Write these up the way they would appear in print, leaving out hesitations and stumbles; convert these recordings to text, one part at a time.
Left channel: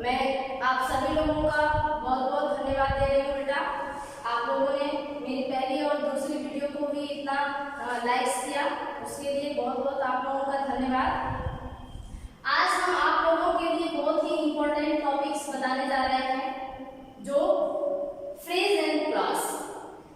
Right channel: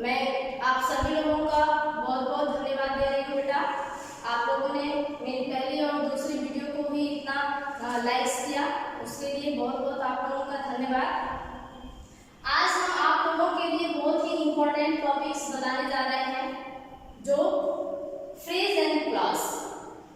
मैं आप सभी लोगों का बहुत बहुत धन्यवाद दे रही हूँ बेटा। आप लोगों ने मेरी पहली और दूसरी वीडियो को भी इतना लाइक्स किया, उसके लिए बहुत बहुत आप लोगों का धन्यवाद। आज हम आप लोगों के लिए बहुत ही इम्पोर्टेंट टॉपिक्स बताने जा रहे हैं, जो phrase and clause.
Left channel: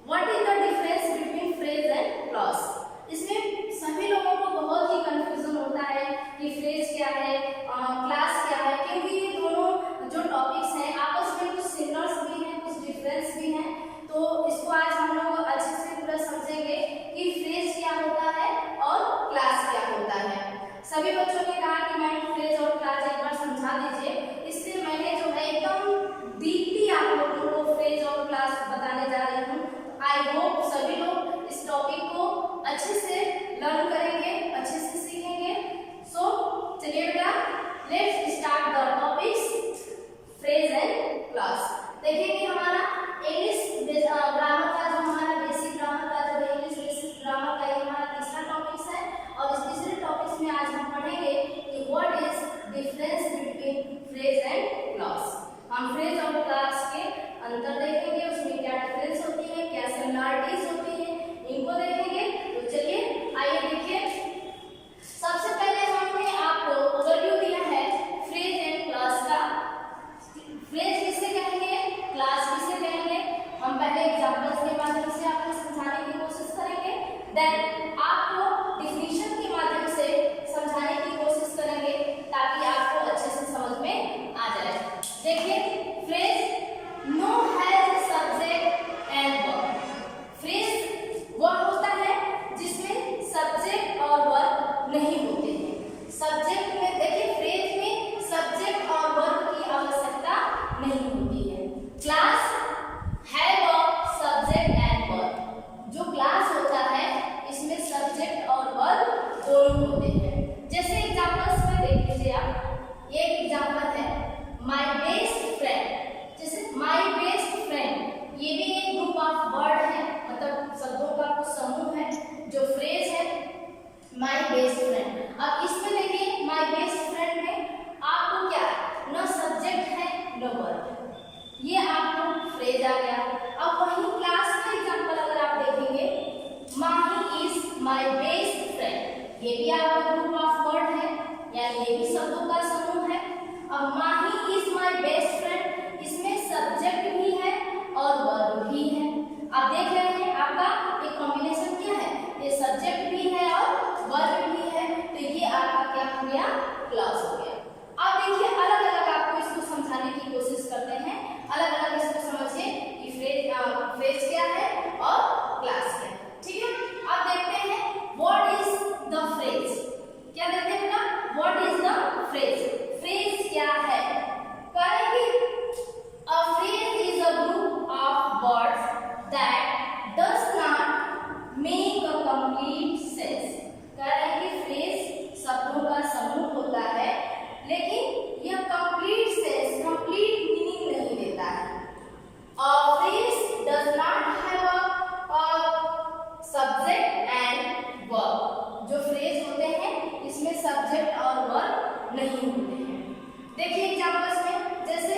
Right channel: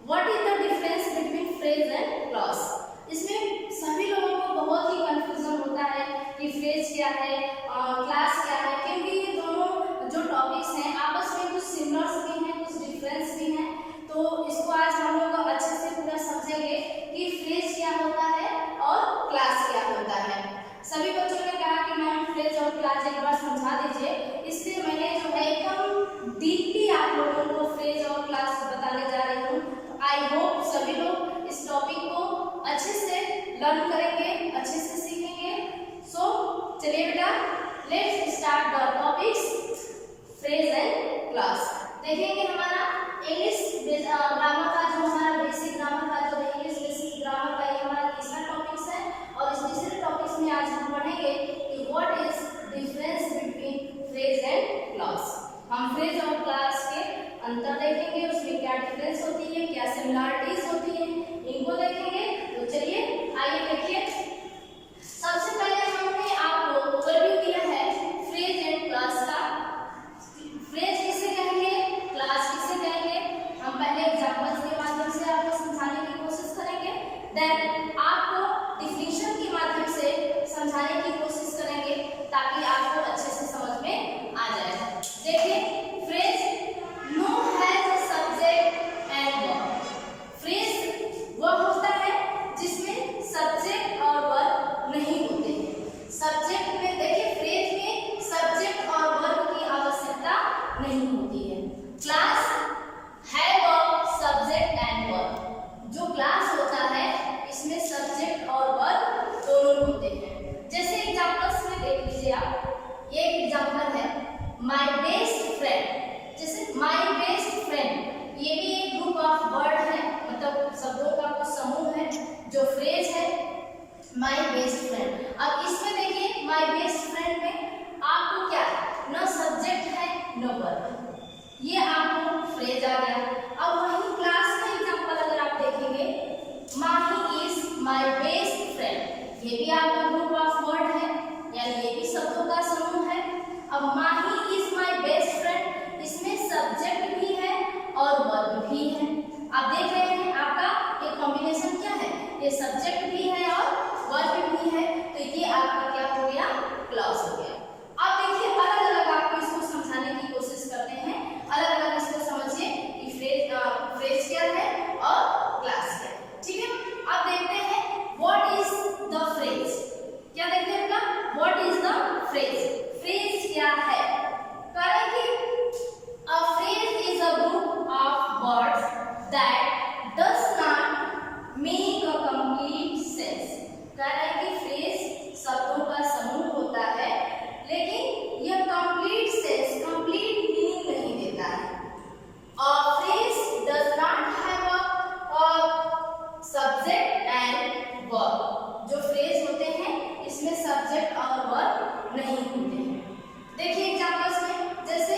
What is the difference between phrase and clause. इसमें सभी लोगों को बहुत ही कंफ्यूजन होता है कि फ्रेज क्या है, क्लास क्या है, क्योंकि ये दोनों जो टॉपिक्स हैं आपस में कुछ सिमिलर्स भी हैं, कुछ डिफरेंस भी हैं। तो इसको आज हम लोग अच्छे से पूरा समझेंगे कि फ्रेज क्या होता है और क्लास क्या होता है। सभी बच्चों ने कहा कि मैम फ्रेज और क्लास एक बार समझा दीजिए, इसलिए मैंने जो है एकदम डीपली आप लोगों को फ्रेज और क्लास बताने जा रही हूँ। आई होप सभी लोग इस टॉपिक को अच्छे से लर्न करेंगे, अच्छे से सीखेंगे। सो चलिए बेटा, let's start the topics phrase and clause. देखेंगे हमारा इंग्लिश ग्रामर का, जो हमारा बेसिक ग्रामर का जो इंग्लिश बेसिक ग्रामर का ये हमारा तीसरा टॉपिक्स है। और इस तीसरे टॉपिक्स में आज हम पढ़ेंगे कि what is difference between phrase and clause. हम फ्रेज और क्लॉज के अंतर देखेंगे, उसमें क्या डिफरेंस होती है, क्या सिमिलरिटीज होती है, इनको देखेंगे। तो चलिए आइए देखिए। सबसे पहले हमने आपको ओवरव्यू दिया है फ्रेज एंड क्लॉज का। फ्रेज किसे कहेंगे, क्लॉज किसे कहेंगे, हम पहले एग्जांपल्स के माध्यम से आपको समझाने की कोशिश करेंगे, देन आपको डिफिनीशन के माध्यम से समझाने की कोशिश करेंगे ताकि आपको अच्छे से समझ में आ जाए। देखिए, phrase no has subject and verb. Phrase वह होता है जिसमें सब्जेक्ट और वर्ब नहीं होते हैं। सब्जेक्ट में देखिए, फ्रेज में सब्जेक्ट और वर्ब की आवश्यकता नहीं होती है। क्लास है वर्ब, सब्जेक्ट एंड वर्ब। जो क्लास होता है इसमें सब्जेक्ट और वर्ब दोनों होते हैं। जैसे एग्जांपल्स में देख लीजिए आप, ये एग्जांपल है माय बेस्ट फ्रेंड। जैसे माय बेस्ट फ्रेंड, ये भी एक ग्रुप ऑफ वर्ड है, मतलब शब्दों का कुछ समूह है जो फ्रेज है माय बेस्ट फ्रेंड। अब इसमें देखिए माय बेस्ट फ्रेंड में आपको क्या, न सब्जेक्ट है न वर्ब, ये आपको फ्रेज आ गया। अब वही क्लास का एग्जांपल अगर आप देखेंगे, माही इज माय बेस्ट फ्रेंड, ये भी आपका ग्रुप ऑफ वर्ड है, यानी ये भी शब्दों का समूह है। अब माही इज माय बेस्ट फ्रेंड, इसमें सब्जेक्ट भी है और वर्ब भी है। आप देख रहे हैं आपका एक कॉम्बिनेशन क्या है, ये सब्जेक्ट भी है और वर्ब भी है, तो ये आपका क्या हो गया, क्लॉज हो गया। अब देखिए अलग अलग आपको इसको समझाने की कोशिश करते हैं, अलग अलग इसको समझिए कि फ्रेज क्या है और क्लास क्या है। ठीक है, अब देखते हैं व्हाट इज द फ्रेज। क्या देखते हैं बेटा, what is the phrase. Phrase क्या है, करेंगे a phrase is a group of words that does not make a complete sense. कह रहे हैं कि फ्रेज शब्दों का समूह होता है, लेकिन यह कंप्लीट सेंस, कंप्लीट मीनिंग नहीं देता है। A phrase does not have a subject and verb। जो फ्रेज होते हैं इसमें सब्जेक्ट और वर्ब नहीं होते हैं। देखिए एग्जांपल्स में, जैसे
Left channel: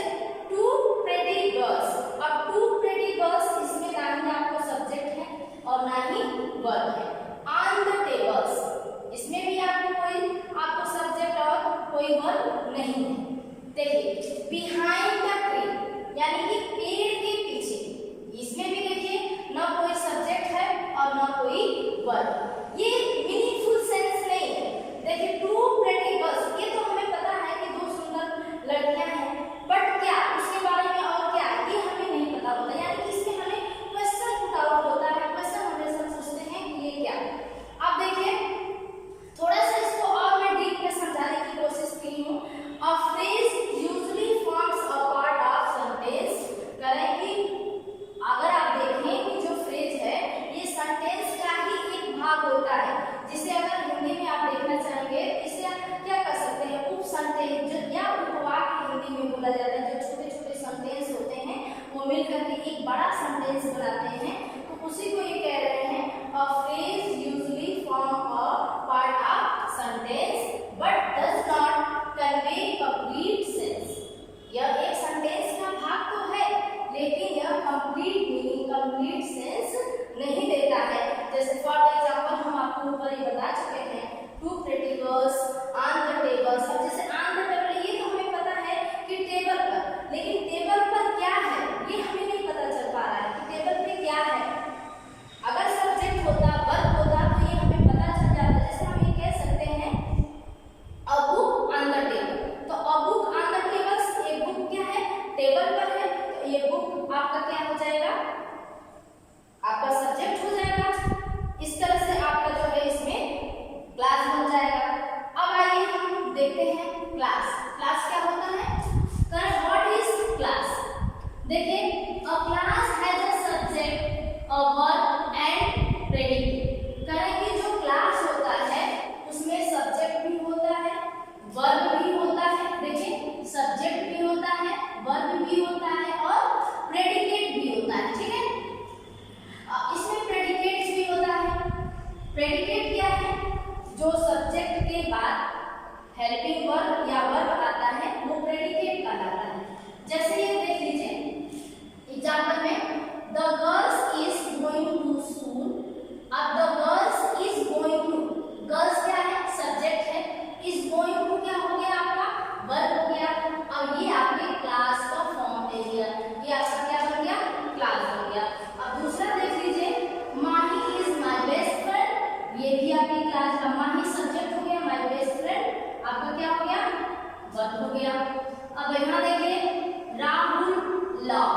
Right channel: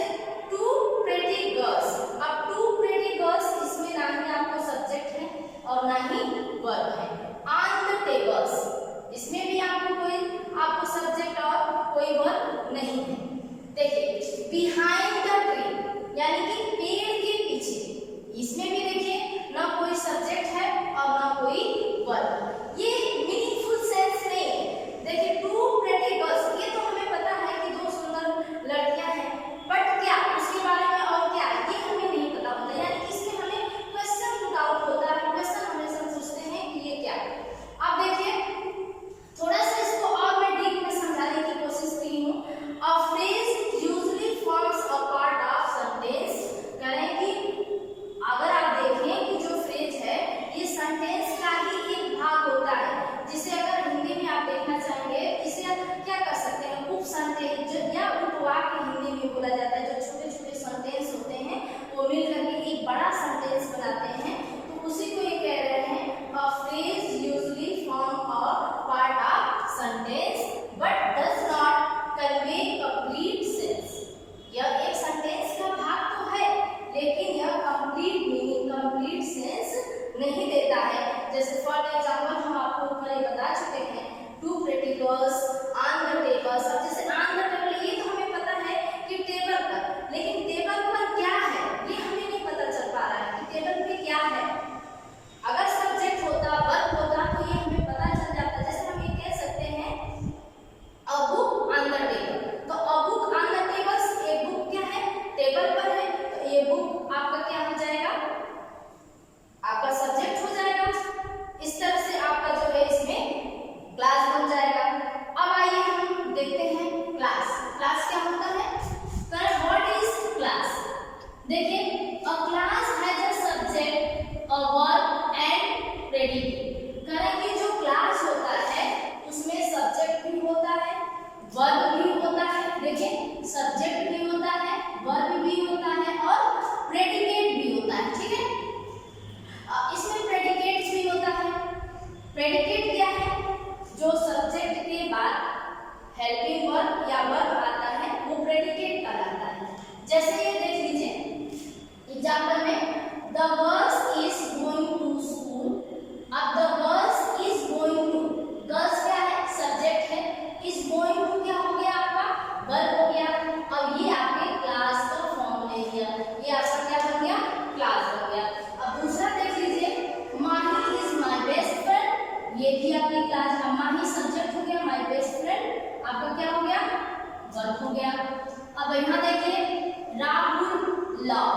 टू प्रेटी गर्ल्स। अब टू प्रेटी गर्ल्स, इसमें ना ही आपको सब्जेक्ट है और ना ही वर्ब है। ऑन द टेबल्स, इसमें भी आपको सब्जेक्ट और कोई वर्ब नहीं है। देखिए बिहाइंड द ट्री, यानी कि पेड़ के पीछे, इसमें भी देखिए ना कोई सब्जेक्ट है और ना कोई वर्ब। ये मीनिंगफुल सेंस नहीं है। देखिए टू प्रेटी गर्ल्स, ये तो हमें पता है कि दो सुंदर लड़कियां हैं, बट क्या उसके बारे में और क्या ये हमें नहीं पता होता, यानी कि इसमें हमें क्वेश्चन पुट आउट होता है, क्वेश्चन हमेशा सोचते हैं कि ये क्या। अब देखिए थोड़ा सा इसको और मैं डीप में समझाने की कोशिश की हूँ। A phrase usually forms a part of sentence. करें कि अगर आप देखें कि जो फ्रेज है ये सेंटेंस का ही एक भाग होता है, जिसे अगर हिंदी में आप देखना चाहेंगे, इसे आप क्या कर सकते हैं, उप सेंटेंस या उपवाक्य हिंदी में बोला जाता है। जो छोटे छोटे सेंटेंस होते हैं वो मिलकर के एक बड़ा सेंटेंस बनाते हैं, तो उसी को ये कह रहे हैं a phrase usually form a part of sentence but does not convey complete sense. यह लव।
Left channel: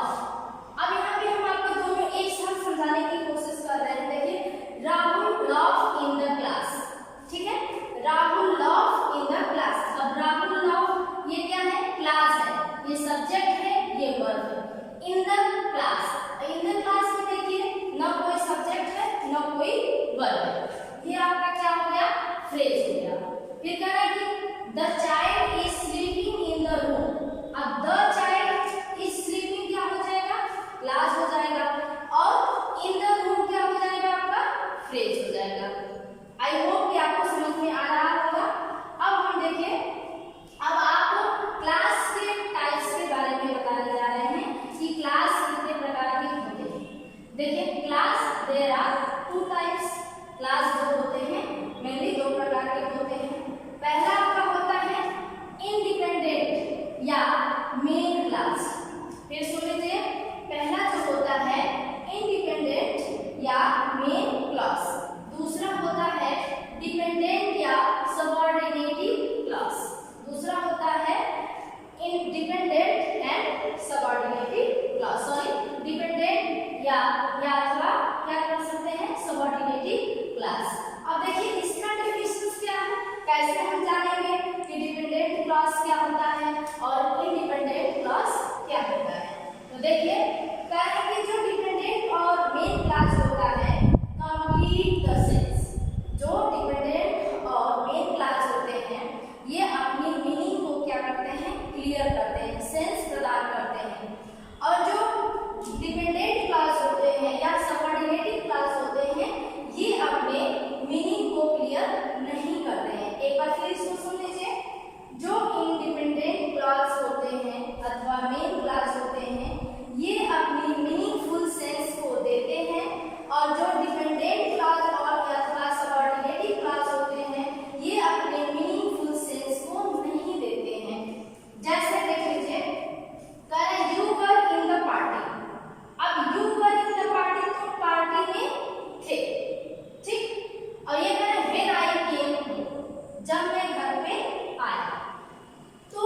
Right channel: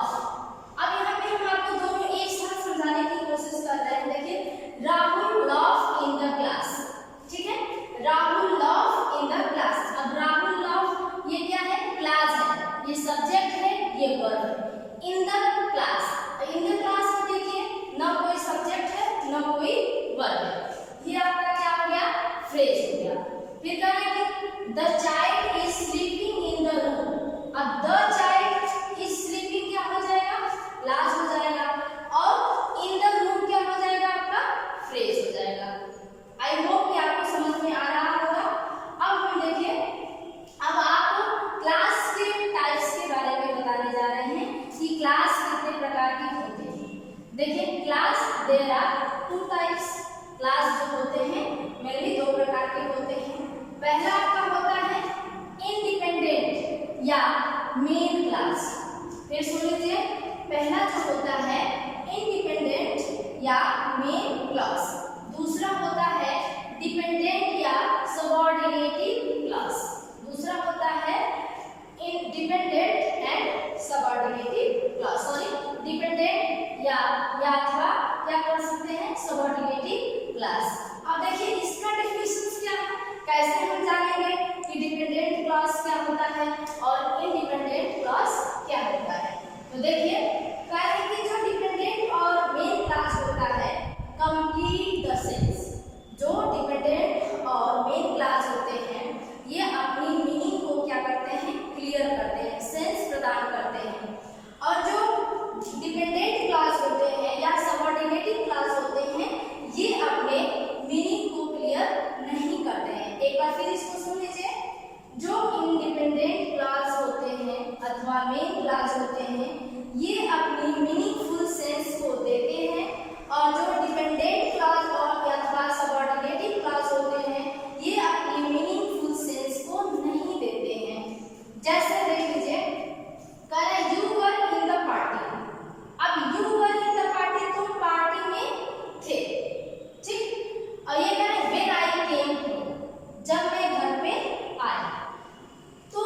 अब यहाँ पे हम आपको दोनों एक साथ समझाने की कोशिश कर रहे हैं। देखिए, Rahul love in the class, ठीक है, Rahul love in the class. अब राहुल लव ये क्या है, क्लास है, ये सब्जेक्ट है, ये वर्ब है। In the class, in the class में देखिए ना कोई सब्जेक्ट है ना कोई वर्ब है, ये आपका क्या हो गया, फ्रेज हो गया। फिर कहना है कि the child is sleeping in the room. अब द चाइल्ड इज स्लीपिंग क्या हो जाएगा, क्लास हो जाएगा, और इन द रूम क्या हो जाएगा, आपका फ्रेज हो जाएगा। आई होप कि आपको समझ में आ रहा होगा। अब हम देखिए, अब आपको क्लास के टाइप्स के बारे में बताने जा रहे हैं कि क्लास कितने प्रकार की होते हैं। देखिए, class there are two types. Class जो होते हैं मेनली दो प्रकार के होते हैं। पहला आपका होता है इंडिपेंडेंट या मेन क्लास। फिर सुन लीजिए, पहला जो होता है इंडिपेंडेंट या मेन क्लास, दूसरा होता है डिपेंडेंट या सबऑर्डिनेटिव क्लास। दूसरा होता है dependent and subordinative class, sorry dependent या अथवा क्या कर सकते हैं, सबऑर्डिनेटिव क्लास। अब देखिए इसका डेफिनेशन क्या है, कैसे हम जानेंगे कि डिपेंडेंट क्लास क्या होता है और इंडिपेंडेंट क्लास क्या होता है। तो देखिए, कह रहे हैं कि जो डिपेंडेंट और मेन क्लास होता है कंप्लीट द सेंस। जो डिपेंडेंट और मेन क्लास होते हैं ये अपनी मीनिंग को क्या करते हैं, क्लियर करते हैं, सेंस प्रदान करते हैं। और जो डिपेंडेंट क्लास होते हैं या सबऑर्डिनेटिव क्लास होते हैं ये अपने मीनिंग को क्लियर नहीं करते हैं। एक बार फिर इसको सुन लीजिए, जो इंडिपेंडेंट क्लास होते हैं अथवा मेन क्लास होते हैं ये अपनी मीनिंगफुल सेंस को देते हैं, और जो डिपेंडेंट क्लास और अथवा सबऑर्डिनेटिव क्लास होते हैं ये अपनी मीनिंगफुल सेंस को नहीं देते हैं। जैसे देख लीजिए, कह रहा है you were in the party. अब you were in the party, तुम पार्टी में थे, ठीक। और ये कह रहा है व्हेन आई केम होम, जब मैं घर पे आया। तो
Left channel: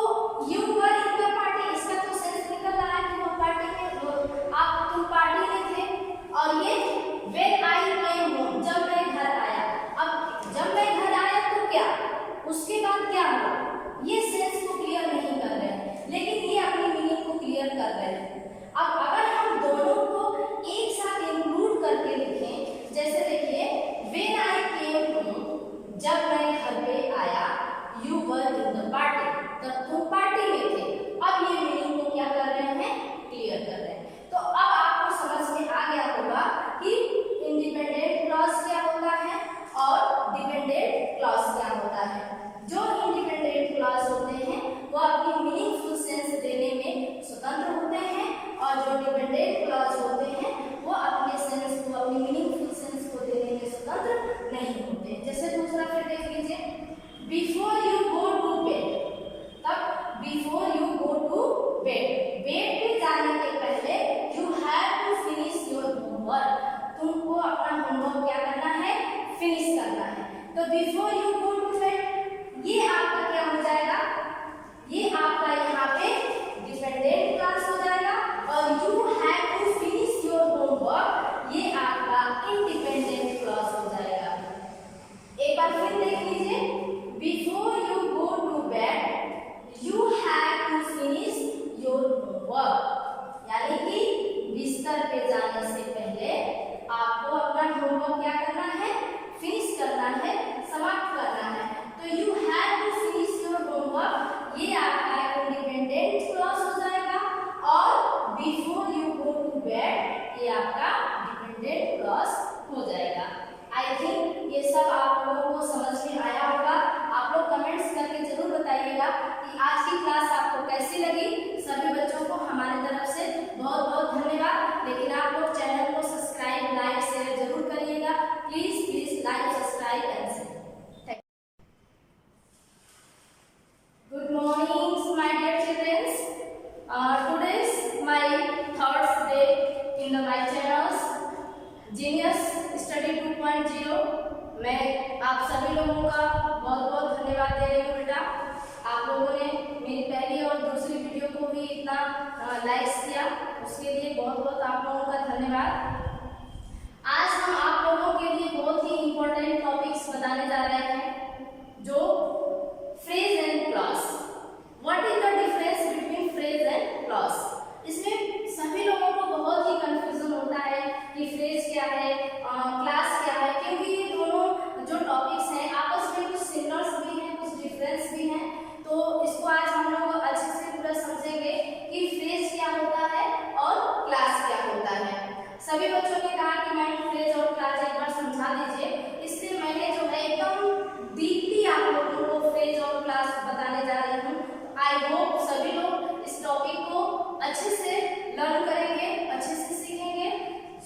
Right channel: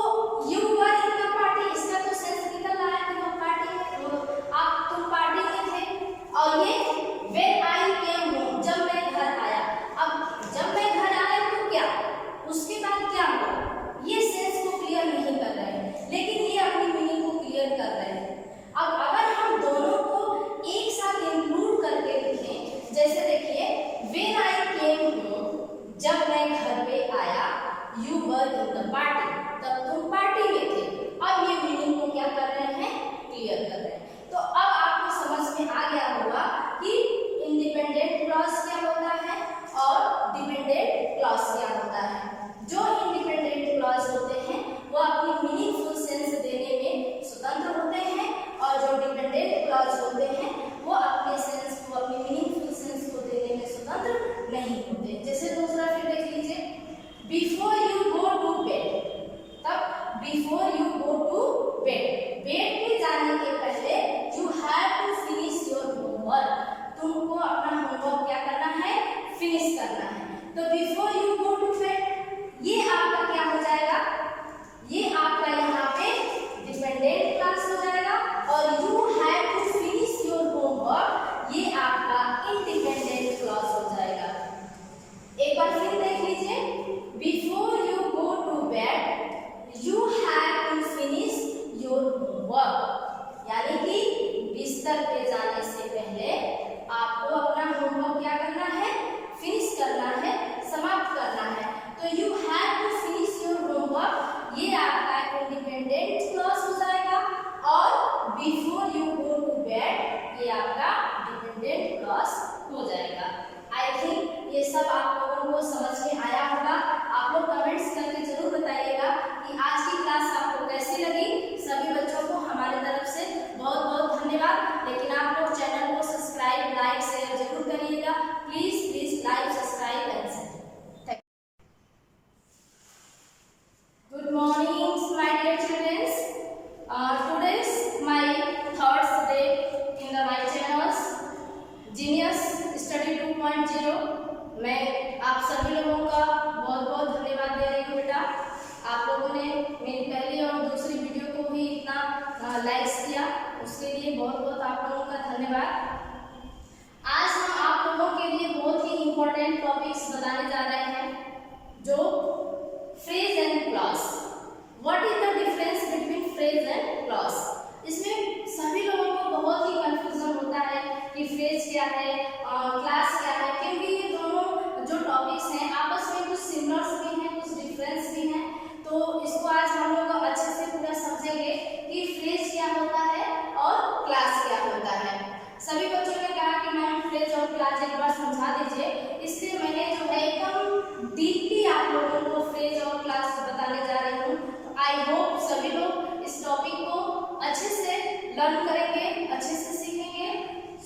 you were in the party, इसका तो सेंस निकल रहा है कि वो पार्टी में, तुम पार्टी में थे। और ये व्हेन आई केम होम, जब मैं घर आया। अब जब मैं घर आया तो क्या, उसके बाद क्या हुआ, ये सेंस को क्लियर नहीं कर रहे हैं, लेकिन ये अपनी मीनिंग को क्लियर कर रहे हैं। अब अगर हम दोनों को एक साथ इंक्लूड करके लिखें, जैसे देखिए व्हेन आई केम होम, जब मैं घर पे आया, you were in the party, तब तुम पार्टी में थे। अब ये मीनिंग को क्या कर रहे हैं, क्लियर कर रहे हैं। तो अब आपको समझ में आ गया होगा कि इंडिपेंडेंट क्लॉज क्या होता है और डिपेंडेंट क्लॉज क्या होता है। जो इंडिपेंडेंट क्लॉज होते हैं वो अपनी मीनिंगफुल सेंस देने में स्वतंत्र होते हैं, और जो डिपेंडेंट क्लॉज होते हैं वो अपने सेंस को, अपनी मीनिंगफुल सेंस को देने में स्वतंत्र नहीं होते। जैसे दूसरा फिर देख लीजिए, before you go to bed. तब before you go to bed, bed पे जाने के पहले you have to finish your homework, तुमको अपना होमवर्क क्या करना है, फिनिश करना है। तो before you go to bed ये आपका क्या हो जाएगा, ये आपका यहाँ पे डिपेंडेंट क्लास हो जाएगा, और you have to finish your homework ये आपका इंडिपेंडेंट क्लास हो जाएगा। एक बार फिर देख लीजिए, before you go to bed you have to finish your homework, यानी कि बिस्तर पे जाने से पहले आपको अपना होमवर्क क्या करना है, फिनिश करना है, समाप्त करना है। तो you have to finish your homework ये आपका इंडिपेंडेंट क्लॉज हो जाएगा, और before you go to bed ये आपका डिपेंडेंट क्लॉज हो जाएगा। आई थिंक ये सब आप लोगों को समझ में आया होगा। आप लोग कमेंट्स करके जरूर बताइएगा कि आज की क्लास आपको कैसी लगी। सभी बच्चों को हमारे तरफ से बहुत बहुत धन्यवाद। लेकिन आप लोग चैनल को सब्सक्राइब, लाइक, शेयर जरूर करिएगा। Please please like, subscribe and share. Good morning my dear childrens, today is my third day in the my channels genius study 2.0। मैं आप सभी लोगों का बहुत बहुत धन्यवाद दे रही हूँ बेटा। आप लोगों ने मेरी पहली और दूसरी वीडियो को भी इतना लाइक्स किया, उसके लिए बहुत बहुत आप लोगों का धन्यवाद। आज हम आप लोगों के लिए बहुत ही इम्पोर्टेंट टॉपिक्स बताने जा रहे हैं, जो phrase and clause. What is the difference between phrase and clause. इसमें सभी लोगों को बहुत ही कंफ्यूजन होता है कि फ्रेज क्या है, क्लास क्या है, क्योंकि ये दोनों जो टॉपिक्स हैं आपस में कुछ सिमिलर्स भी हैं, कुछ डिफरेंस भी हैं। तो इसको आज हम लोग अच्छे से पूरा समझेंगे कि फ्रेज क्या होता है और क्लास क्या होता है। सभी बच्चों ने कहा कि मैम फ्रेज और क्लास एक बार समझा दीजिए, इसलिए मैंने जो है एकदम डीपली आप लोगों को फ्रेज और क्लास बताने जा रही हूँ। आई होप सभी लोग इस टॉपिक को अच्छे से लर्न करेंगे, अच्छे से सीखेंगे।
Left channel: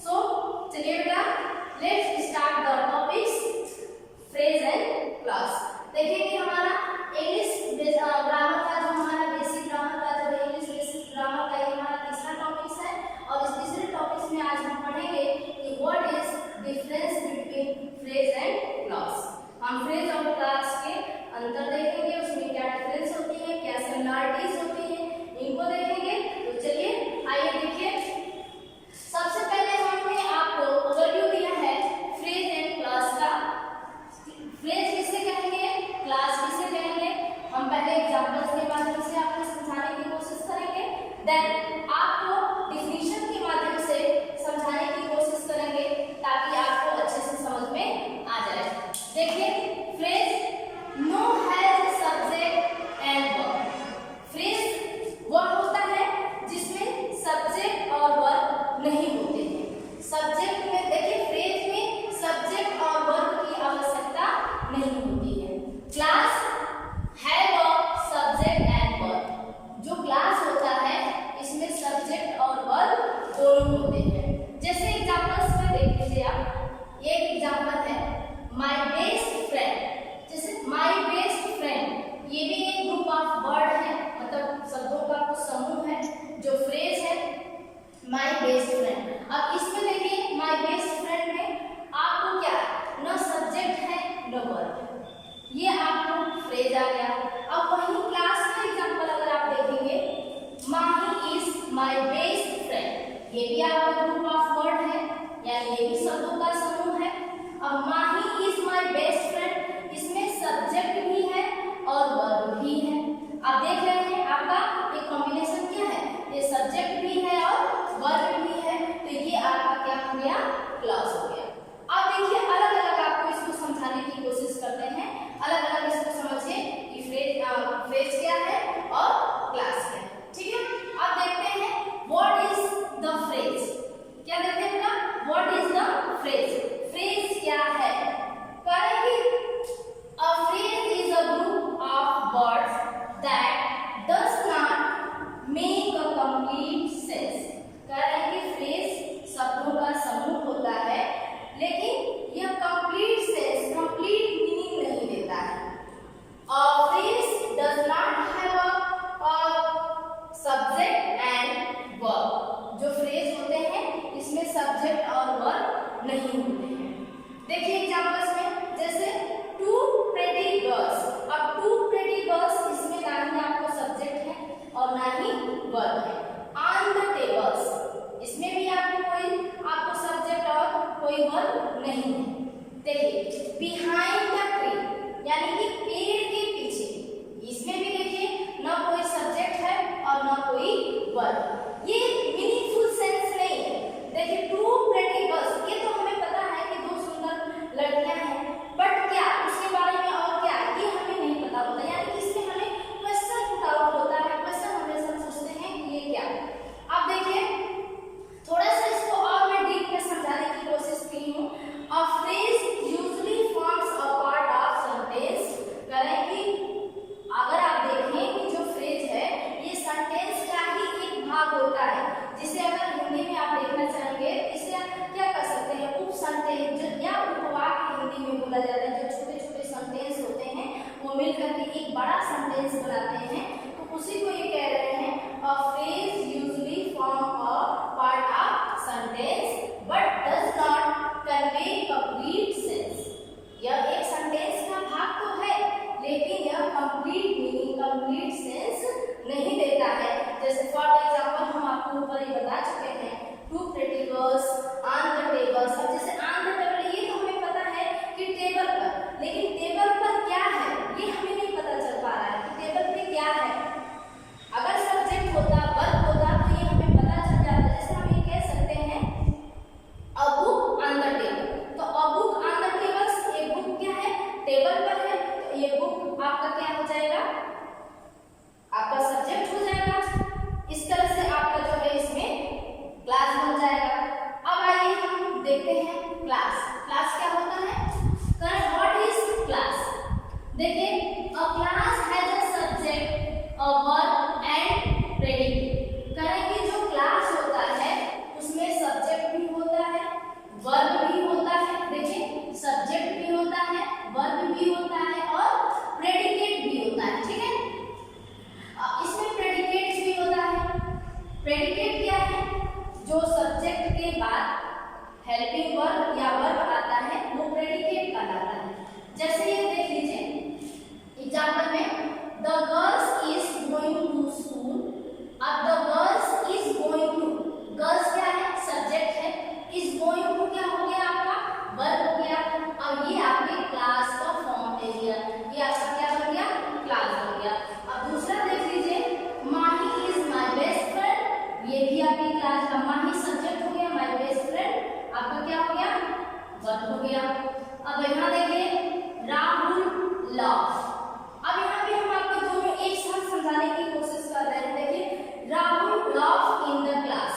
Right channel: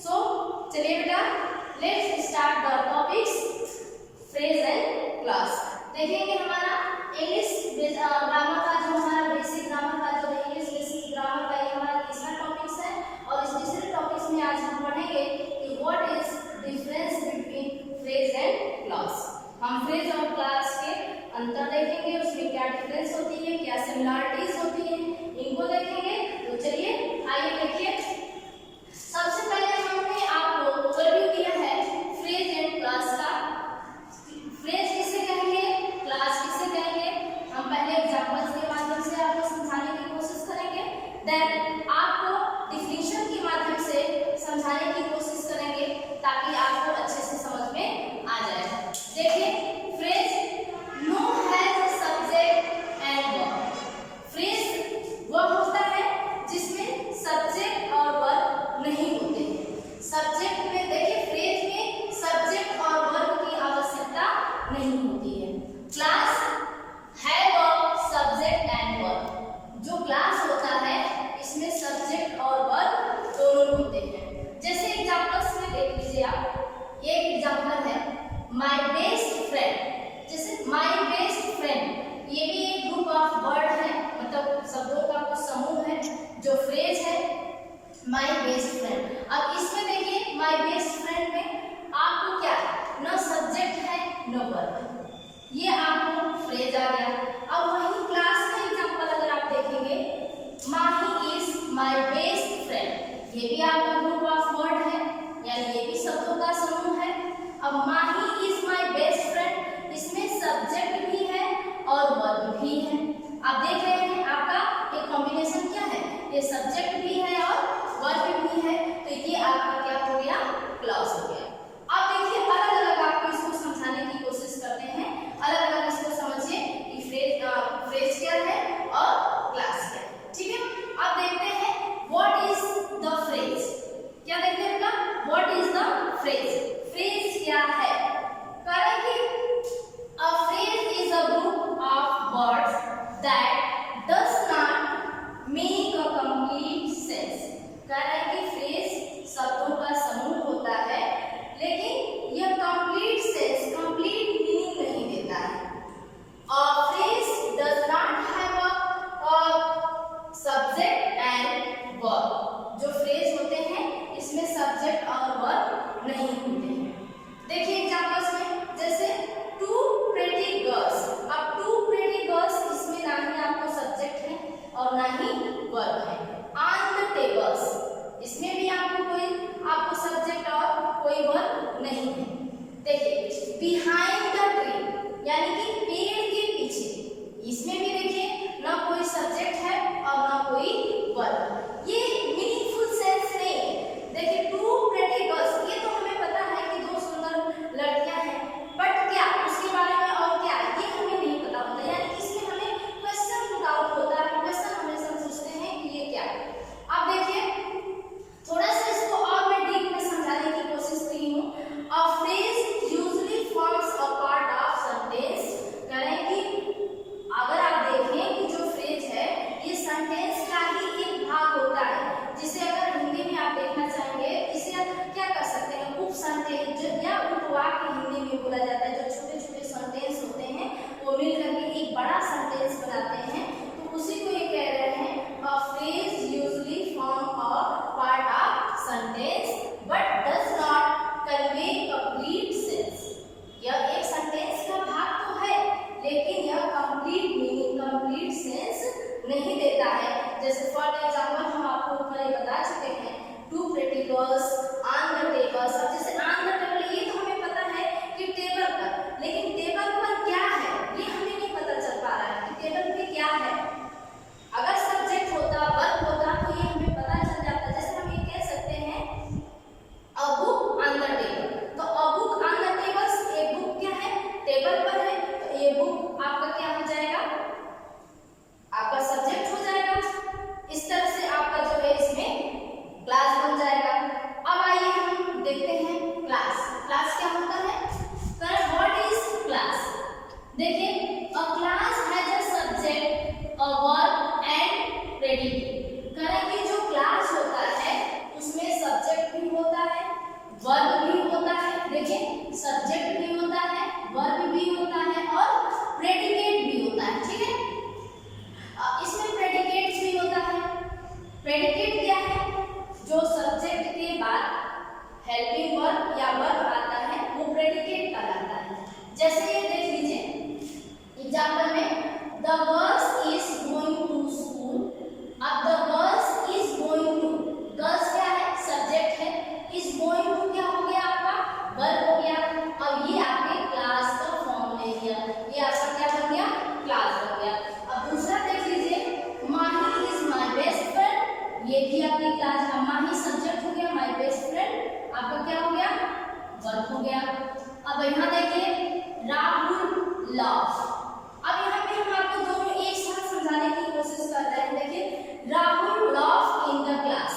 सो चलिए बेटा, let's start the topics phrase and clause. देखेंगे हमारा इंग्लिश ग्रामर का, जो हमारा बेसिक ग्रामर का, जो इंग्लिश बेसिक ग्रामर का ये हमारा तीसरा टॉपिक्स है। और इस तीसरे टॉपिक्स में आज हम पढ़ेंगे कि what is difference between phrase and clause. हम फ्रेज और क्लॉज के अंतर देखेंगे, उसमें क्या डिफरेंस होती है, क्या सिमिलरिटीज होती है, इनको देखेंगे। तो चलिए आइए देखिए। सबसे पहले हमने आपको ओवरव्यू दिया है फ्रेज एंड क्लॉज का। फ्रेज किसे कहेंगे, क्लॉज किसे कहेंगे, हम पहले एग्जांपल्स के माध्यम से आपको समझाने की कोशिश करेंगे, देन आपको डिफिनीशन के माध्यम से समझाने की कोशिश करेंगे ताकि आपको अच्छे से समझ में आ जाए। देखिए, phrase no has subject and verb. Phrase वह होता है जिसमें सब्जेक्ट और वर्ब नहीं होते हैं। सब्जेक्ट में देखिए, फ्रेज में सब्जेक्ट और वर्ब की आवश्यकता नहीं होती है। क्लास है वर्ब, सब्जेक्ट एंड वर्ब। जो क्लास होता है इसमें सब्जेक्ट और वर्ब दोनों होते हैं। जैसे एग्जांपल्स में देख लीजिए आप, ये एग्जांपल है माय बेस्ट फ्रेंड। जैसे माय बेस्ट फ्रेंड, ये भी एक ग्रुप ऑफ वर्ड है, मतलब शब्दों का कुछ समूह है जो फ्रेज है माय बेस्ट फ्रेंड। अब इसमें देखिए माय बेस्ट फ्रेंड में आपको क्या न सब्जेक्ट है न वर्ब, ये आपको फ्रेज आ गया। अब वही क्लास का एग्जांपल अगर आप देखेंगे, माही इज माय बेस्ट फ्रेंड, ये भी आपका ग्रुप ऑफ वर्ड है, यानी ये भी शब्दों का समूह है। अब माही इज माय बेस्ट फ्रेंड, इसमें सब्जेक्ट भी है और वर्ब भी है। आप देख रहे हैं आपका ये कॉम्बिनेशन क्या है, ये सब्जेक्ट भी है और वर्ब भी है, तो ये आपका क्या हो गया, क्लॉज हो गया। अब देखिए अलग अलग आपको इसको समझाने की कोशिश करते हैं, अलग अलग इसको समझिए कि फ्रेज क्या है और क्लास क्या है। ठीक है, अब देखते हैं व्हाट इज द फ्रेज। क्या देखते हैं बेटा, what is the phrase. Phrase क्या है, करेंगे a phrase is a group of words that does not make a complete sense. कह रहे हैं कि फ्रेज शब्दों का समूह होता है, लेकिन यह कंप्लीट सेंस, कंप्लीट मीनिंग नहीं देता है। A phrase does not have a subject and verb। जो फ्रेज होते हैं इसमें सब्जेक्ट और वर्ब नहीं होते हैं। देखिए एग्जांपल्स में, जैसे टू प्रेटी गर्ल्स। अब टू प्रेटी गर्ल्स, इसमें ना ही आपको सब्जेक्ट है और ना ही वर्ब है। ऑन द टेबल्स, इसमें भी आपको सब्जेक्ट और कोई वर्ब नहीं है। देखिए बिहाइंड द ट्री, यानी कि पेड़ के पीछे, इसमें भी देखिए ना कोई सब्जेक्ट है और ना कोई वर्ब, ये मीनिंगफुल सेंस नहीं है। देखिए टू प्रेटी गर्ल्स, ये तो हमें पता है कि दो सुंदर लड़कियां हैं, बट क्या उसके बारे में और क्या ये हमें नहीं पता होता, यानी कि इसमें हमें क्वेश्चन पुट आउट होता है, क्वेश्चन हमेशा सोचते हैं कि ये क्या। अब देखिए थोड़ा सा इसको और मैं डीप में समझाने की कोशिश की हूँ। A phrase usually forms a part of sentence. करें कि अगर आप देखें कि जो फ्रेज है ये सेंटेंस का ही एक भाग होता है, जिसे अगर हिंदी में आप देखना चाहेंगे, इसे आप क्या कर सकते हैं, उप सेंटेंस या उपवाक्य हिंदी में बोला जाता है। जो छोटे छोटे सेंटेंस होते हैं वो मिलकर के एक बड़ा सेंटेंस बनाते हैं, तो उसी को ये कह रहे हैं a phrase usually form a part of sentence but does not convey complete sense. यह एक सेंटेंस का भाग तो है, लेकिन यह कंप्लीट मीनिंग, कंप्लीट सेंस नहीं देता है। जैसे फॉर एग्जांपल हम आपको आपको ऊपर ही बता चुके हैं, two pretty girls on the table. अब जैसे ऑन द टेबल ये तो हमें पता है कि टेबल पर, लेकिन टेबल पर क्या है ये हमें नहीं पता चल पा रहा है कि टेबल पे क्या है। अगर सब्जेक्ट होता, वर्ब होता तो ये हमें पता चल जाता। जैसे हम ये कह सकते हैं a book on the table, तो a book on the table, एक बुक क्या है, टेबल पर है, तो ये बुक आपका क्या हो जाएगा, आपका सब्जेक्ट हो जाएगा। इस तरह से आपका जो है इसमें क्लास बन जाएगा। अब आइए हम देखते हैं क्लास। क्लास क्या होता है, व्हाट इज क्लास। देखिए a class has a subject, a verb and predicate. करें कि जो क्लास होता है उसमें सब्जेक्ट भी होता है, वर्ब भी होता है। देखिए सब्जेक्ट भी होता है, वर्ब भी होता है और प्रेडिकेट भी होता है। ठीक है, इसमें प्रेडिकेट भी होता है। प्रेडिकेट क्या है, जो सब्जेक्ट के बाद हेल्पिंग वर्ब या वर्ब आता है वो प्रेडिकेट कहलाता है। जैसे ये देख लीजिए एग्जांपल में, the girls is going to school. अब the girls is going to, girls क्या है, सब्जेक्ट है, इज गोइंग टू क्या हो गया आपका, वर्ब हो गया। अब ये आपके क्लास का फॉर्म ले लिया, ये आपका क्या बन गया, क्लास बन गया। अब दूसरा देख लीजिए, माही इज माय बेस्ट फ्रेंड, ये भी आपकी क्लास। अब माही सब्जेक्ट हो गया, माय बेस्ट फ्रेंड आपका क्या हो गया, वर्ब हो गया। अब यहाँ देखिए राहुल लव। अब यहाँ पे हम आपको दोनों एक साथ समझाने की कोशिश कर रहे हैं। देखिए Rahul love in the class,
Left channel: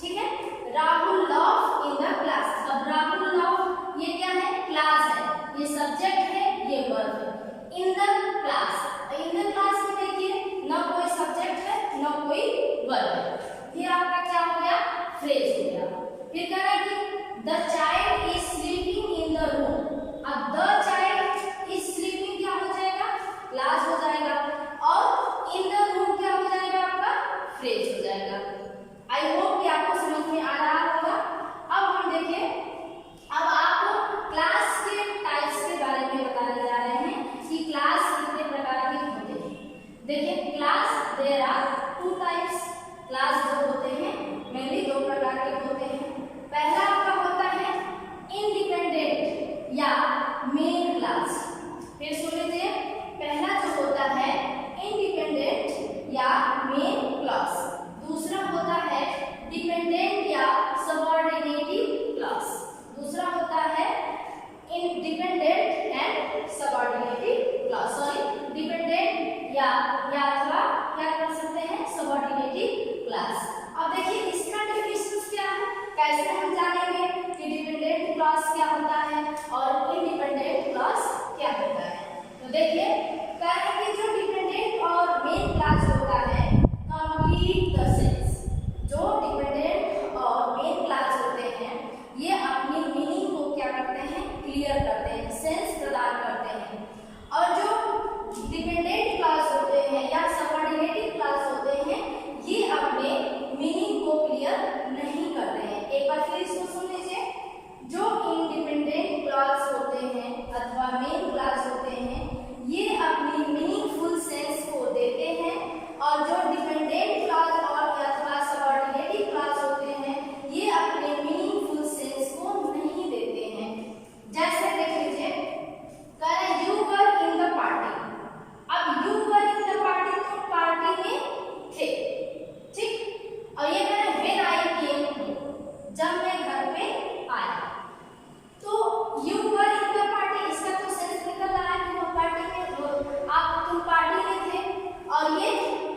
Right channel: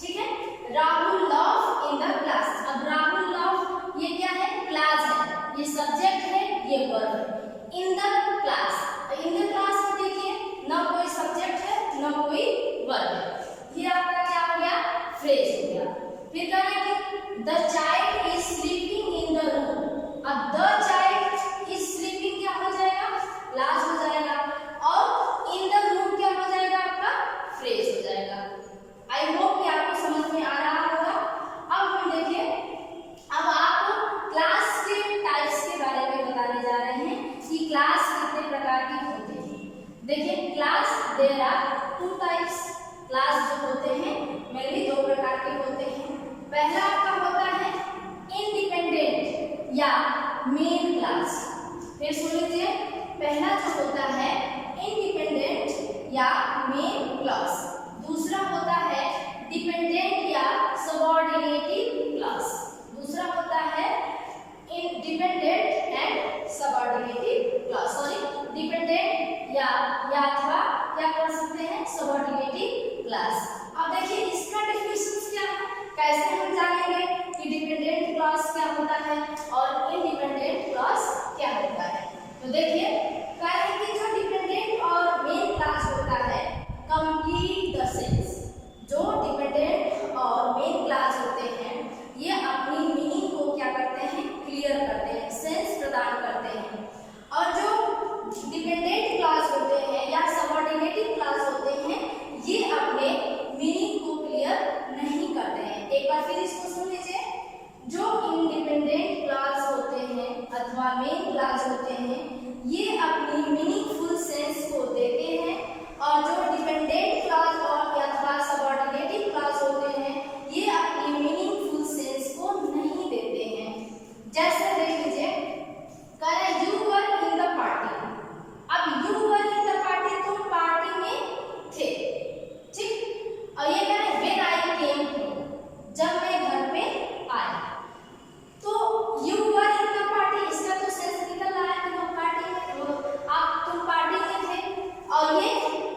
ठीक है, Rahul love in the class. अब राहुल लव ये क्या है, क्लास है, ये सब्जेक्ट है, ये वर्ब है। In the class, in the class में देखिए ना कोई सब्जेक्ट है ना कोई वर्ब है, ये आपका क्या हो गया, फ्रेज हो गया। फिर कहना कि the child is sleeping in the room. अब द चाइल्ड इज स्लीपिंग क्या हो जाएगा, क्लास हो जाएगा, और इन द रूम क्या हो जाएगा आपका, फ्रेज हो जाएगा। आई होप कि आपको समझ में आ रहा होगा। अब हम देखिए, अब आपको क्लास के टाइप्स के बारे में बताने जा रहे हैं कि क्लास कितने प्रकार की होते हैं। देखिए class there are two types. Class जो होते हैं मेनली दो प्रकार के होते हैं। पहला आपका होता है इंडिपेंडेंट या मेन क्लास। फिर सुन लीजिए, पहला जो होता है इंडिपेंडेंट या मेन क्लास, दूसरा होता है डिपेंडेंट या सबऑर्डिनेटिव क्लास। दूसरा होता है dependent and subordinative class, sorry dependent या अथवा क्या कर सकते हैं, सबऑर्डिनेटिव क्लास। अब देखिए इसका डेफिनेशन क्या है, कैसे हम जानेंगे कि डिपेंडेंट क्लास क्या होता है और इंडिपेंडेंट क्लास क्या होता है। तो देखिए कह रहे हैं कि जो डिपेंडेंट और मेन क्लास होता है कंप्लीट द सेंस। जो डिपेंडेंट और मेन क्लास होते हैं ये अपनी मीनिंग को क्या करते हैं, क्लियर करते हैं, सेंस प्रदान करते हैं। और जो डिपेंडेंट क्लास होते हैं या सबऑर्डिनेटिव क्लास होते हैं ये अपने मीनिंग को क्लियर नहीं करते हैं। एक बार फिर इसको सुन लीजिए, जो इंडिपेंडेंट क्लास होते हैं अथवा मेन क्लास होते हैं ये अपनी मीनिंगफुल सेंस को देते हैं, और जो डिपेंडेंट क्लास और अथवा सबऑर्डिनेटिव क्लास होते हैं ये अपनी मीनिंगफुल सेंस को नहीं देते हैं। जैसे देख लीजिए, कह रहा है you were in the party. अब you were in the party, तुम पार्टी में थे, ठीक। और ये कह रहा है व्हेन आई केम होम, जब मैं घर पे आया। तो you were in the party, इसका तो सेंस निकल रहा है कि वो पार्टी में, तुम पार्टी में थे। और ये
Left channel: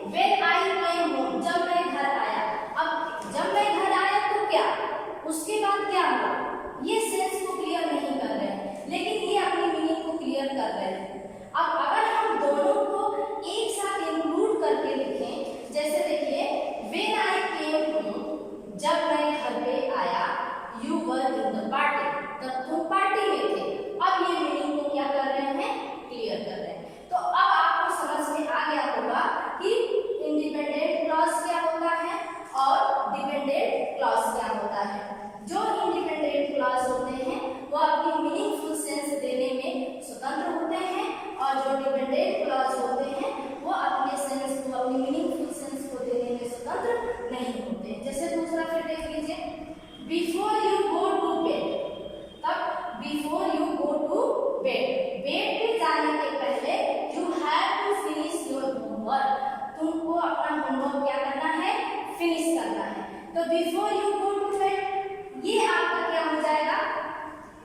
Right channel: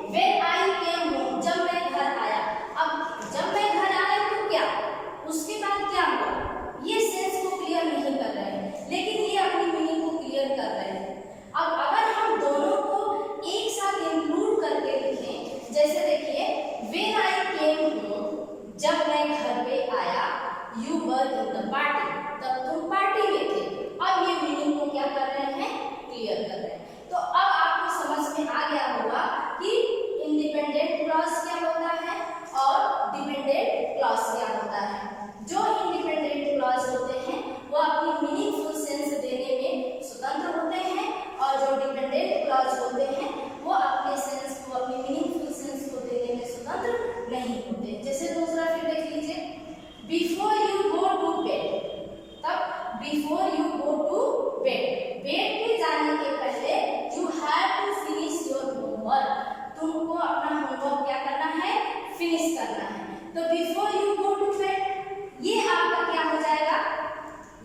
व्हेन आई केम होम, जब मैं घर आया। अब जब मैं घर आया तो क्या, उसके बाद क्या हुआ, ये सेंस को क्लियर नहीं कर रहे हैं, लेकिन ये अपनी मीनिंग को क्लियर कर रहे हैं। अब अगर हम दोनों को एक साथ इंक्लूड करके लिखें, जैसे देखिए व्हेन आई केम होम, जब मैं घर पे आया, you were in the party, तब तुम पार्टी में थे। अब ये मीनिंग को क्या कर रहे हैं, क्लियर कर रहे हैं। तो अब आपको समझ में आ गया होगा कि इंडिपेंडेंट क्लॉज क्या होता है और डिपेंडेंट क्लॉज क्या होता है। जो इंडिपेंडेंट क्लॉज होते हैं वो अपनी मीनिंगफुल सेंस देने में स्वतंत्र होते हैं, और जो डिपेंडेंट क्लॉज होते हैं वो अपने सेंस को, अपनी मीनिंगफुल सेंस को देने में स्वतंत्र नहीं होते होमवर्क क्या करना है, फिनिश करना है। तो before you go to bed, ये आपका क्या हो जाएगा,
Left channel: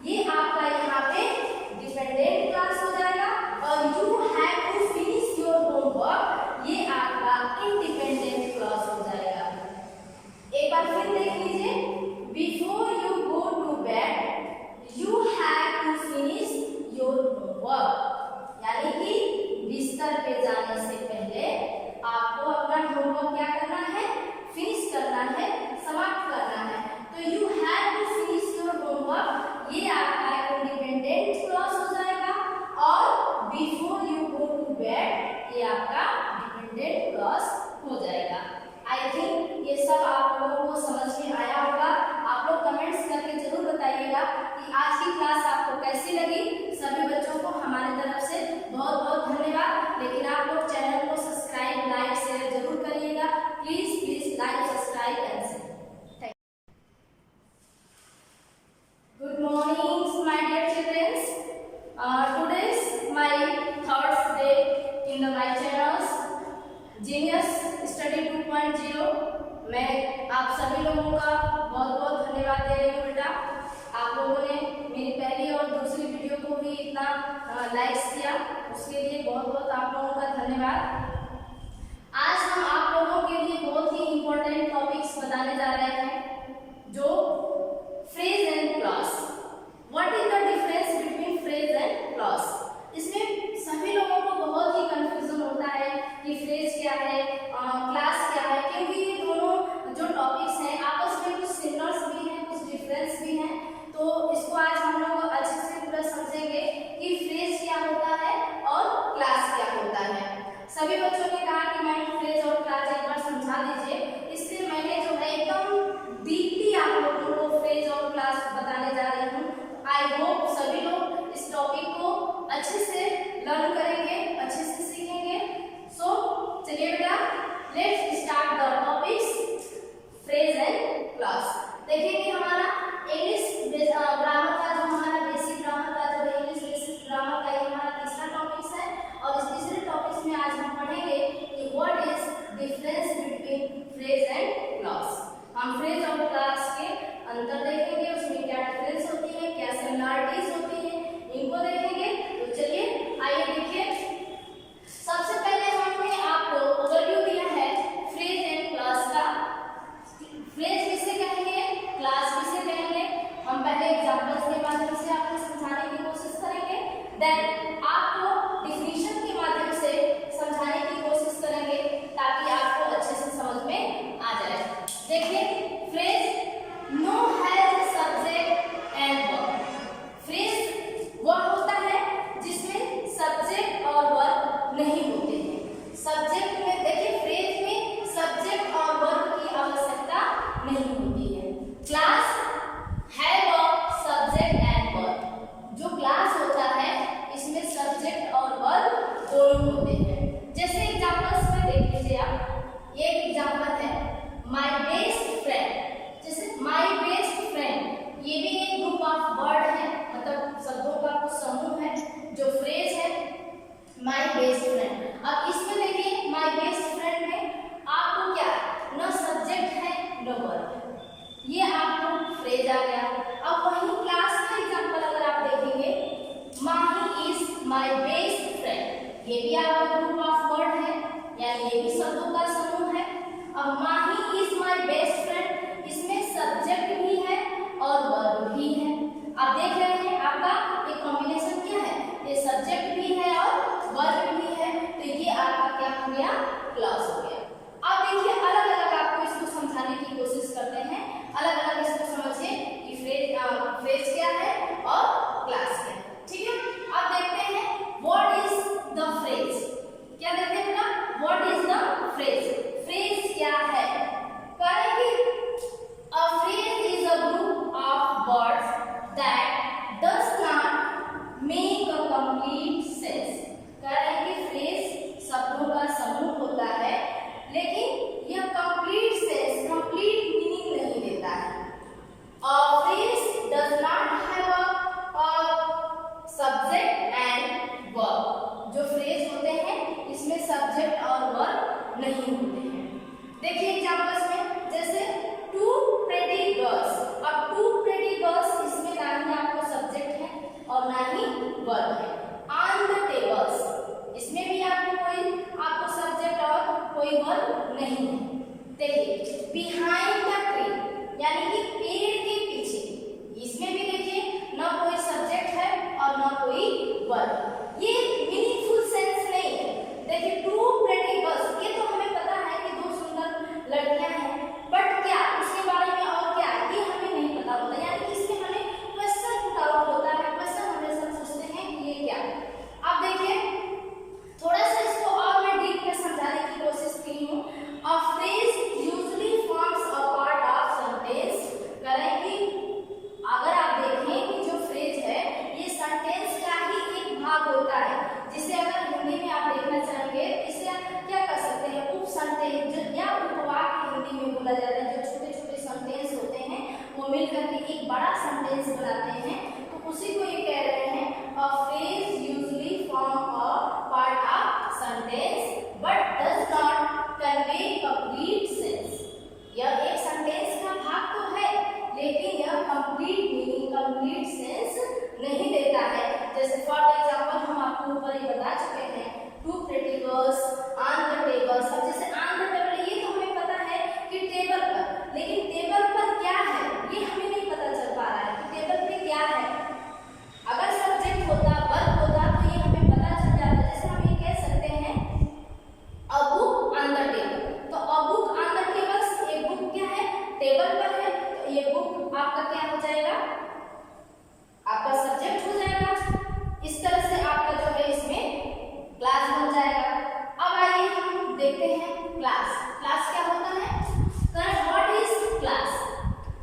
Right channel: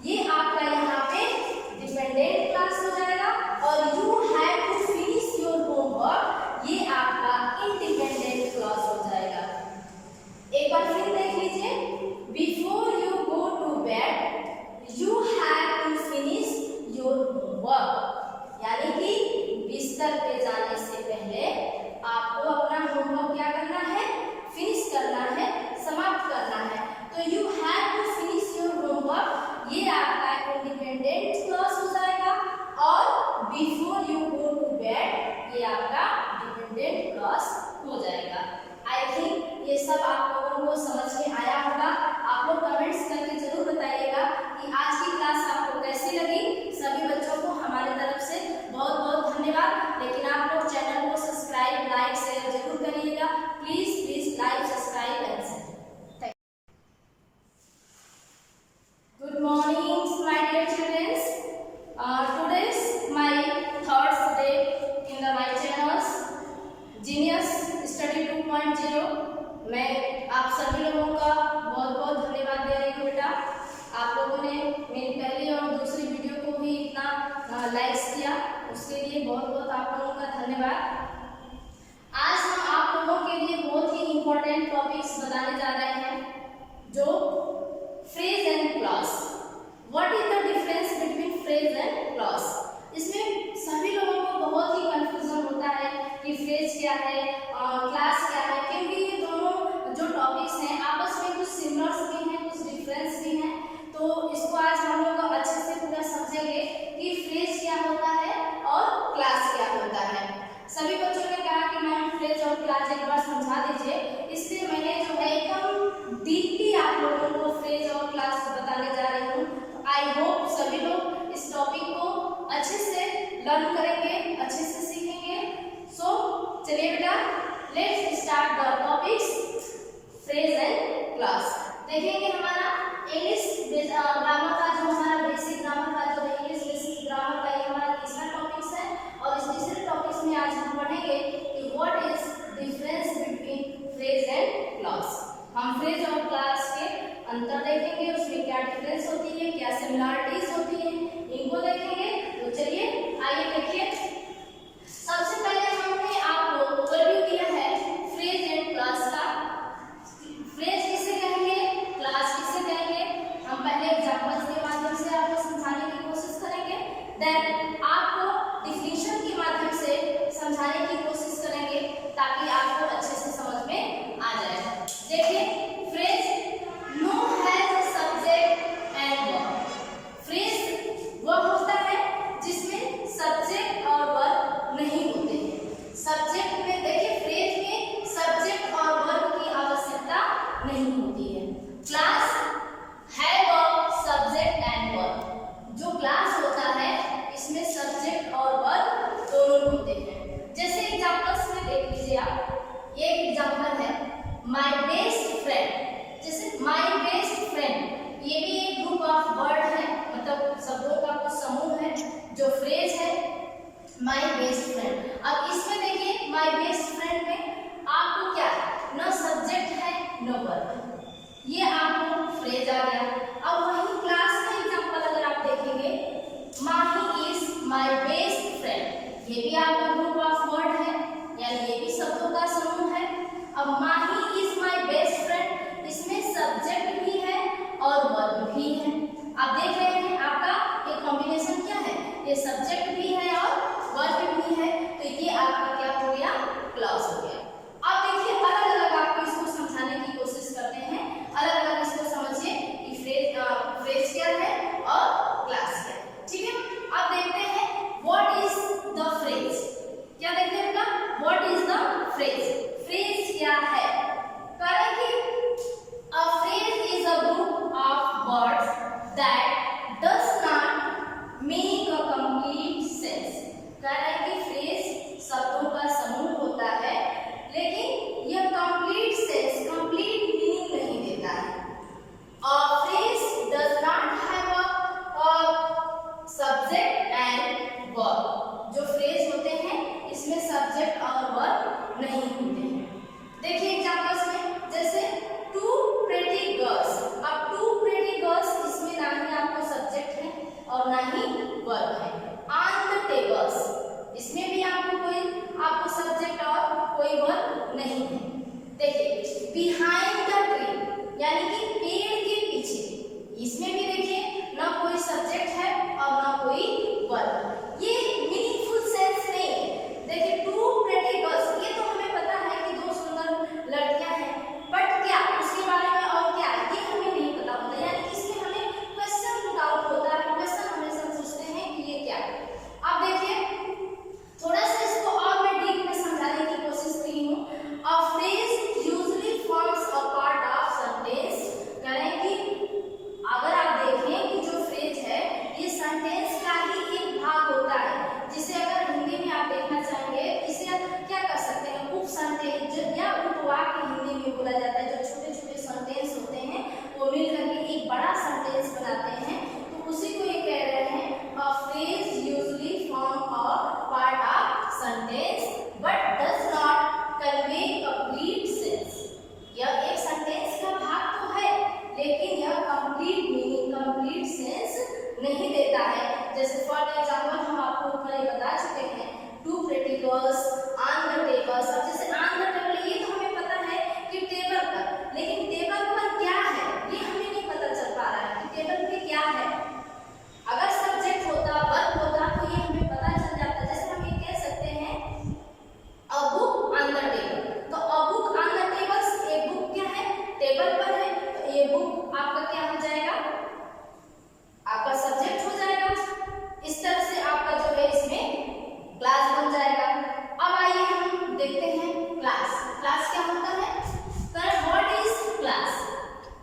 ये आपका यहाँ पे डिपेंडेंट क्लास हो जाएगा, और you have to finish your homework, ये आपका इंडिपेंडेंट क्लास हो जाएगा। एक बार फिर देख लीजिए, before you go to bed you have to finish your homework, यानी कि बिस्तर पे जाने से पहले आपको अपना होमवर्क क्या करना है, फिनिश करना है, समाप्त करना है। तो you have to finish your homework, ये आपका इंडिपेंडेंट क्लॉज हो जाएगा, और before you go to bed ये आपका डिपेंडेंट क्लॉज हो जाएगा। आई थिंक ये सब आप लोगों को समझ में आया होगा। आप लोग कमेंट्स करके जरूर बताइएगा कि आज की क्लास आपको कैसी लगी। सभी बच्चों को हमारी तरफ से बहुत बहुत धन्यवाद। लेकिन आप लोग चैनल को सब्सक्राइब, लाइक, शेयर जरूर करिएगा। Please please like, subscribe and share. Good morning my dear childrens, today is my third day in the my channels genius study 2.0। मैं आप सभी लोगों का बहुत बहुत धन्यवाद दे रही हूँ बेटा। आप लोगों ने मेरी पहली और दूसरी वीडियो को भी इतना लाइक्स किया, उसके लिए बहुत बहुत आप लोगों का धन्यवाद। आज हम आप लोगों के लिए बहुत ही इम्पोर्टेंट टॉपिक्स बताने जा रहे हैं, जो phrase and clause. What is the difference between phrase and clause. इसमें सभी लोगों को बहुत ही कंफ्यूजन होता है कि फ्रेज क्या है, क्लास क्या है, क्योंकि ये दोनों जो टॉपिक्स हैं आपस में कुछ सिमिलर्स भी हैं, कुछ डिफरेंस भी हैं। तो इसको आज हम लोग अच्छे से पूरा समझेंगे कि फ्रेज क्या होता है और क्लास क्या होता है। सभी बच्चों ने कहा कि मैम फ्रेज और क्लास एक बार समझा दीजिए, इसलिए मैंने जो है एकदम डीपली आप लोगों को फ्रेज और क्लास बताने जा रही हूँ। आई होप सभी लोग इस टॉपिक को अच्छे से लर्न करेंगे, अच्छे से सीखेंगे। सो चलिए बेटा, let's start the topics phrase and clause. देखेंगे हमारा इंग्लिश ग्रामर का, जो हमारा बेसिक ग्रामर का जो है, इंग्लिश बेसिक ग्रामर का ये हमारा तीसरा टॉपिक्स है। और इस तीसरे टॉपिक्स में आज हम पढ़ेंगे कि what is difference between phrase and clause. हम फ्रेज और क्लॉज के अंतर देखेंगे, उसमें क्या डिफरेंस होती है, क्या सिमिलरिटीज होती है, इनको देखेंगे। तो चलिए आइए देखिए। सबसे पहले हमने आपको ओवरव्यू दिया है फ्रेज एंड क्लॉज का। फ्रेज किसे कहेंगे, क्लॉज किसे कहेंगे, हम पहले एग्जांपल्स के माध्यम से आपको समझाने की कोशिश करेंगे, देन आपको डिफिनीशन के माध्यम से समझाने की कोशिश करेंगे, ताकि आपको अच्छे से समझ में आ जाए। देखिए, phrase no has subject and verb. Phrase वह होता है जिसमें सब्जेक्ट और वर्ब नहीं होते हैं। सब्जेक्ट में देखिए, फ्रेज में सब्जेक्ट और वर्ब की आवश्यकता नहीं होती है। क्लास है वर्ब, सब्जेक्ट एंड वर्ब। जो क्लास होता है इसमें सब्जेक्ट और वर्ब दोनों होते हैं। जैसे एग्जांपल्स में देख लीजिए आप, ये एग्जांपल है माय बेस्ट फ्रेंड। जैसे माय बेस्ट फ्रेंड, ये भी एक ग्रुप ऑफ वर्ड है, मतलब शब्दों का कुछ समूह है जो फ्रेज है माय बेस्ट फ्रेंड। अब इसमें देखिए, माय बेस्ट फ्रेंड में आपको क्या न सब्जेक्ट है न वर्ब, ये आपको फ्रेज आ गया। अब वही क्लास का एग्जांपल अगर आप देखेंगे, माही इज माय बेस्ट फ्रेंड, ये भी आपका ग्रुप ऑफ वर्ड है, यानी ये भी शब्दों का समूह है। अब माही इज माय बेस्ट फ्रेंड, इसमें सब्जेक्ट भी है और वर्ब भी है। आप देख रहे हैं आपका एक कॉम्बिनेशन क्या है, ये सब्जेक्ट भी है और वर्ब भी है, तो ये आपका क्या हो गया, क्लॉज हो गया। अब देखिए, अलग अलग आपको इसको समझाने की कोशिश करते हैं, अलग अलग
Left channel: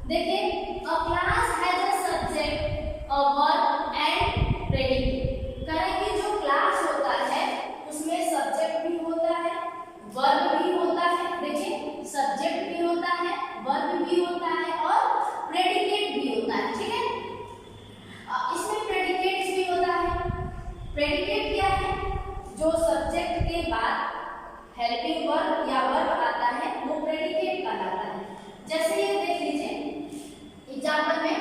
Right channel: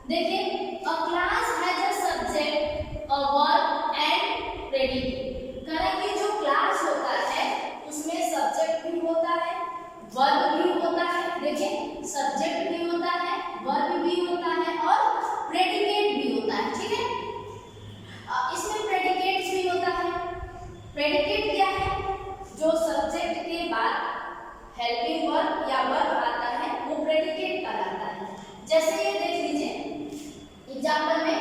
देखिए a class has a subject a verb and predicate. करें कि जो क्लास होता है उसमें सब्जेक्ट भी होता है, वर्ब भी होता है। देखिए सब्जेक्ट भी होता है, वर्ब भी होता है और प्रेडिकेट भी होता है। ठीक है, इसमें प्रेडिकेट भी होता है। प्रेडिकेट क्या है? जो सब्जेक्ट के बाद हेल्पिंग वर्ब या वर्ब आता है वो प्रेडिकेट कहलाता है। जैसे ये देख लीजिए एग्जाम्पल में,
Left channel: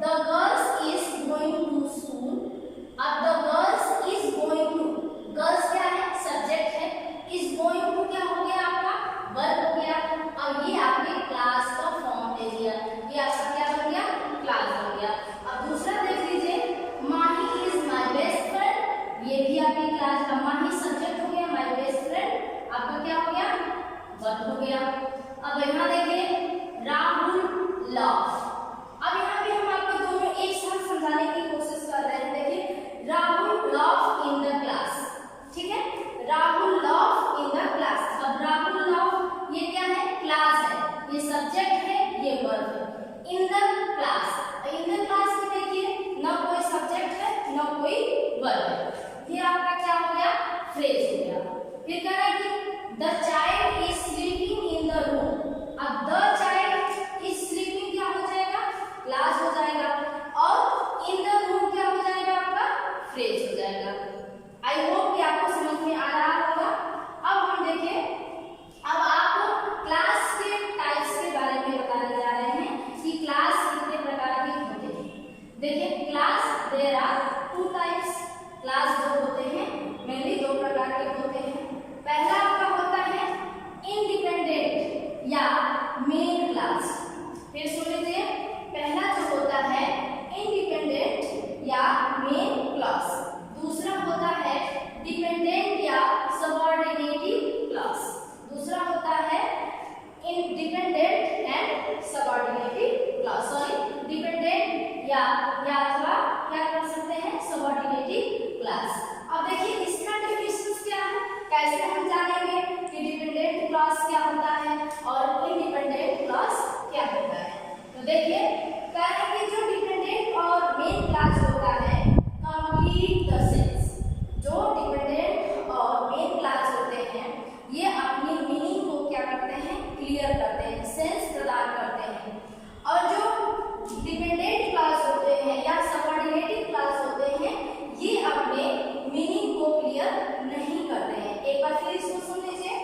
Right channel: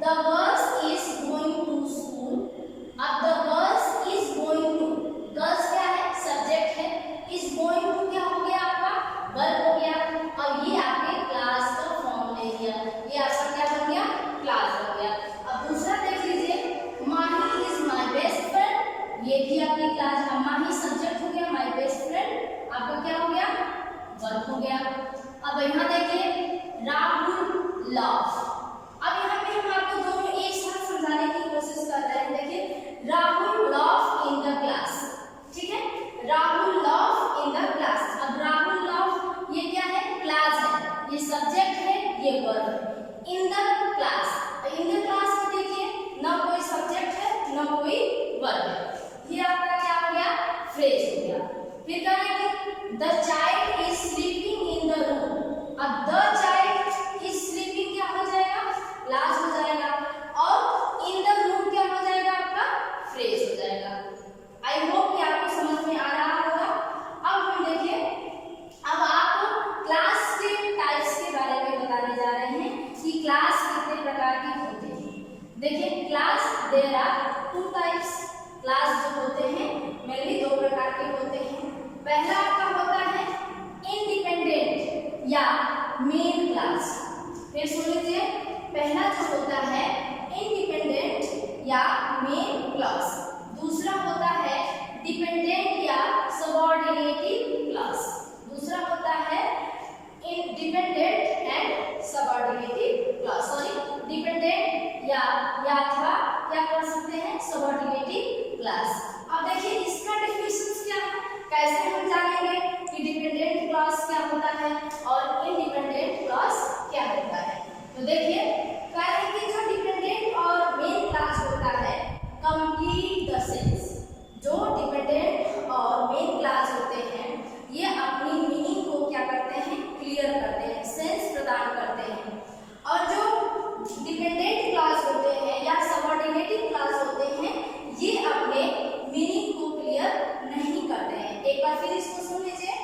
the girls is going to school. अब the girls is going to, girls क्या है? सब्जेक्ट है। इज गोइंग टू क्या हो गया? आपका वर्ब हो गया। अब ये आपके क्लास का फॉर्म ले लिया, ये आपका क्या बन गया? क्लास बन गया। अब दूसरा देख लीजिए, माही इज माय बेस्ट फ्रेंड। ये भी आपकी क्लास। अब माही सब्जेक्ट हो गया, माय बेस्ट फ्रेंड आपका क्या हो गया? वर्ब हो गया। अब यहाँ देखिए राहुल लव। अब यहाँ पे हम आपको दोनों एक साथ समझाने की कोशिश कर रहे हैं। देखिए Rahul love in the class. ठीक है, Rahul love in the class. अब राहुल लव ये क्या है? क्लास है, ये सब्जेक्ट है, ये वर्ब है। In the class, in the class में देखिए ना कोई सब्जेक्ट है ना कोई वर्ब है, ये आपका क्या हो गया? फ्रेज हो गया। फिर कहना है कि the child is sleeping in the room. अब द चाइल्ड इज स्लीपिंग क्या हो जाएगा? क्लास हो जाएगा और इन द रूम क्या हो जाएगा? आपका फ्रेज हो जाएगा। आई होप कि आपको समझ में आ रहा होगा। अब हम देखिए, अब आपको क्लास के टाइप्स के बारे में बताने जा रहे हैं कि क्लास कितने प्रकार के होते हैं। देखिए class there are two types. Class जो होते हैं मेनली दो प्रकार के होते हैं। पहला आपका होता है इंडिपेंडेंट या मेन क्लास। फिर सुन लीजिए, पहला जो होता है इंडिपेंडेंट या मेन क्लास, दूसरा होता है डिपेंडेंट या सबऑर्डिनेटिव क्लास। दूसरा होता है independent and subordinative class, sorry dependent या अथवा क्या कर सकते हैं? Subordinative class. अब देखिए इसका डेफिनेशन क्या है, कैसे हम जानेंगे कि डिपेंडेंट क्लास क्या होता है और इंडिपेंडेंट क्लास क्या होता है। तो देखिए कह रहे हैं कि जो डिपेंडेंट और मेन क्लास होता है कंप्लीट द सेंस। जो डिपेंडेंट और मेन क्लास होते हैं ये अपनी मीनिंग को क्या करते हैं? क्लियर करते हैं, सेंस प्रदान करते हैं। और जो डिपेंडेंट क्लास होते हैं या सबऑर्डिनेटिव क्लास होते हैं ये अपने मीनिंग को क्लियर नहीं करते हैं। एक बार फिर इसको सुन लीजिए,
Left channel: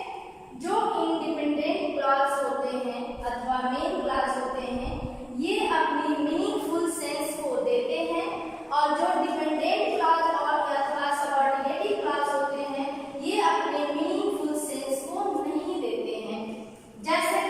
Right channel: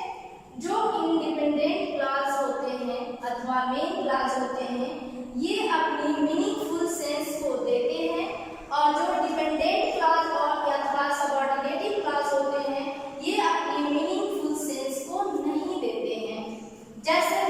जो इंडिपेंडेंट क्लास होते हैं अथवा मेन क्लास होते हैं ये अपनी मीनिंगफुल सेंस को देते हैं और जो डिपेंडेंट क्लास और अथवा सबऑर्डिनेटिव क्लास होते हैं ये अपनी मीनिंगफुल सेंस को नहीं देते हैं। जैसे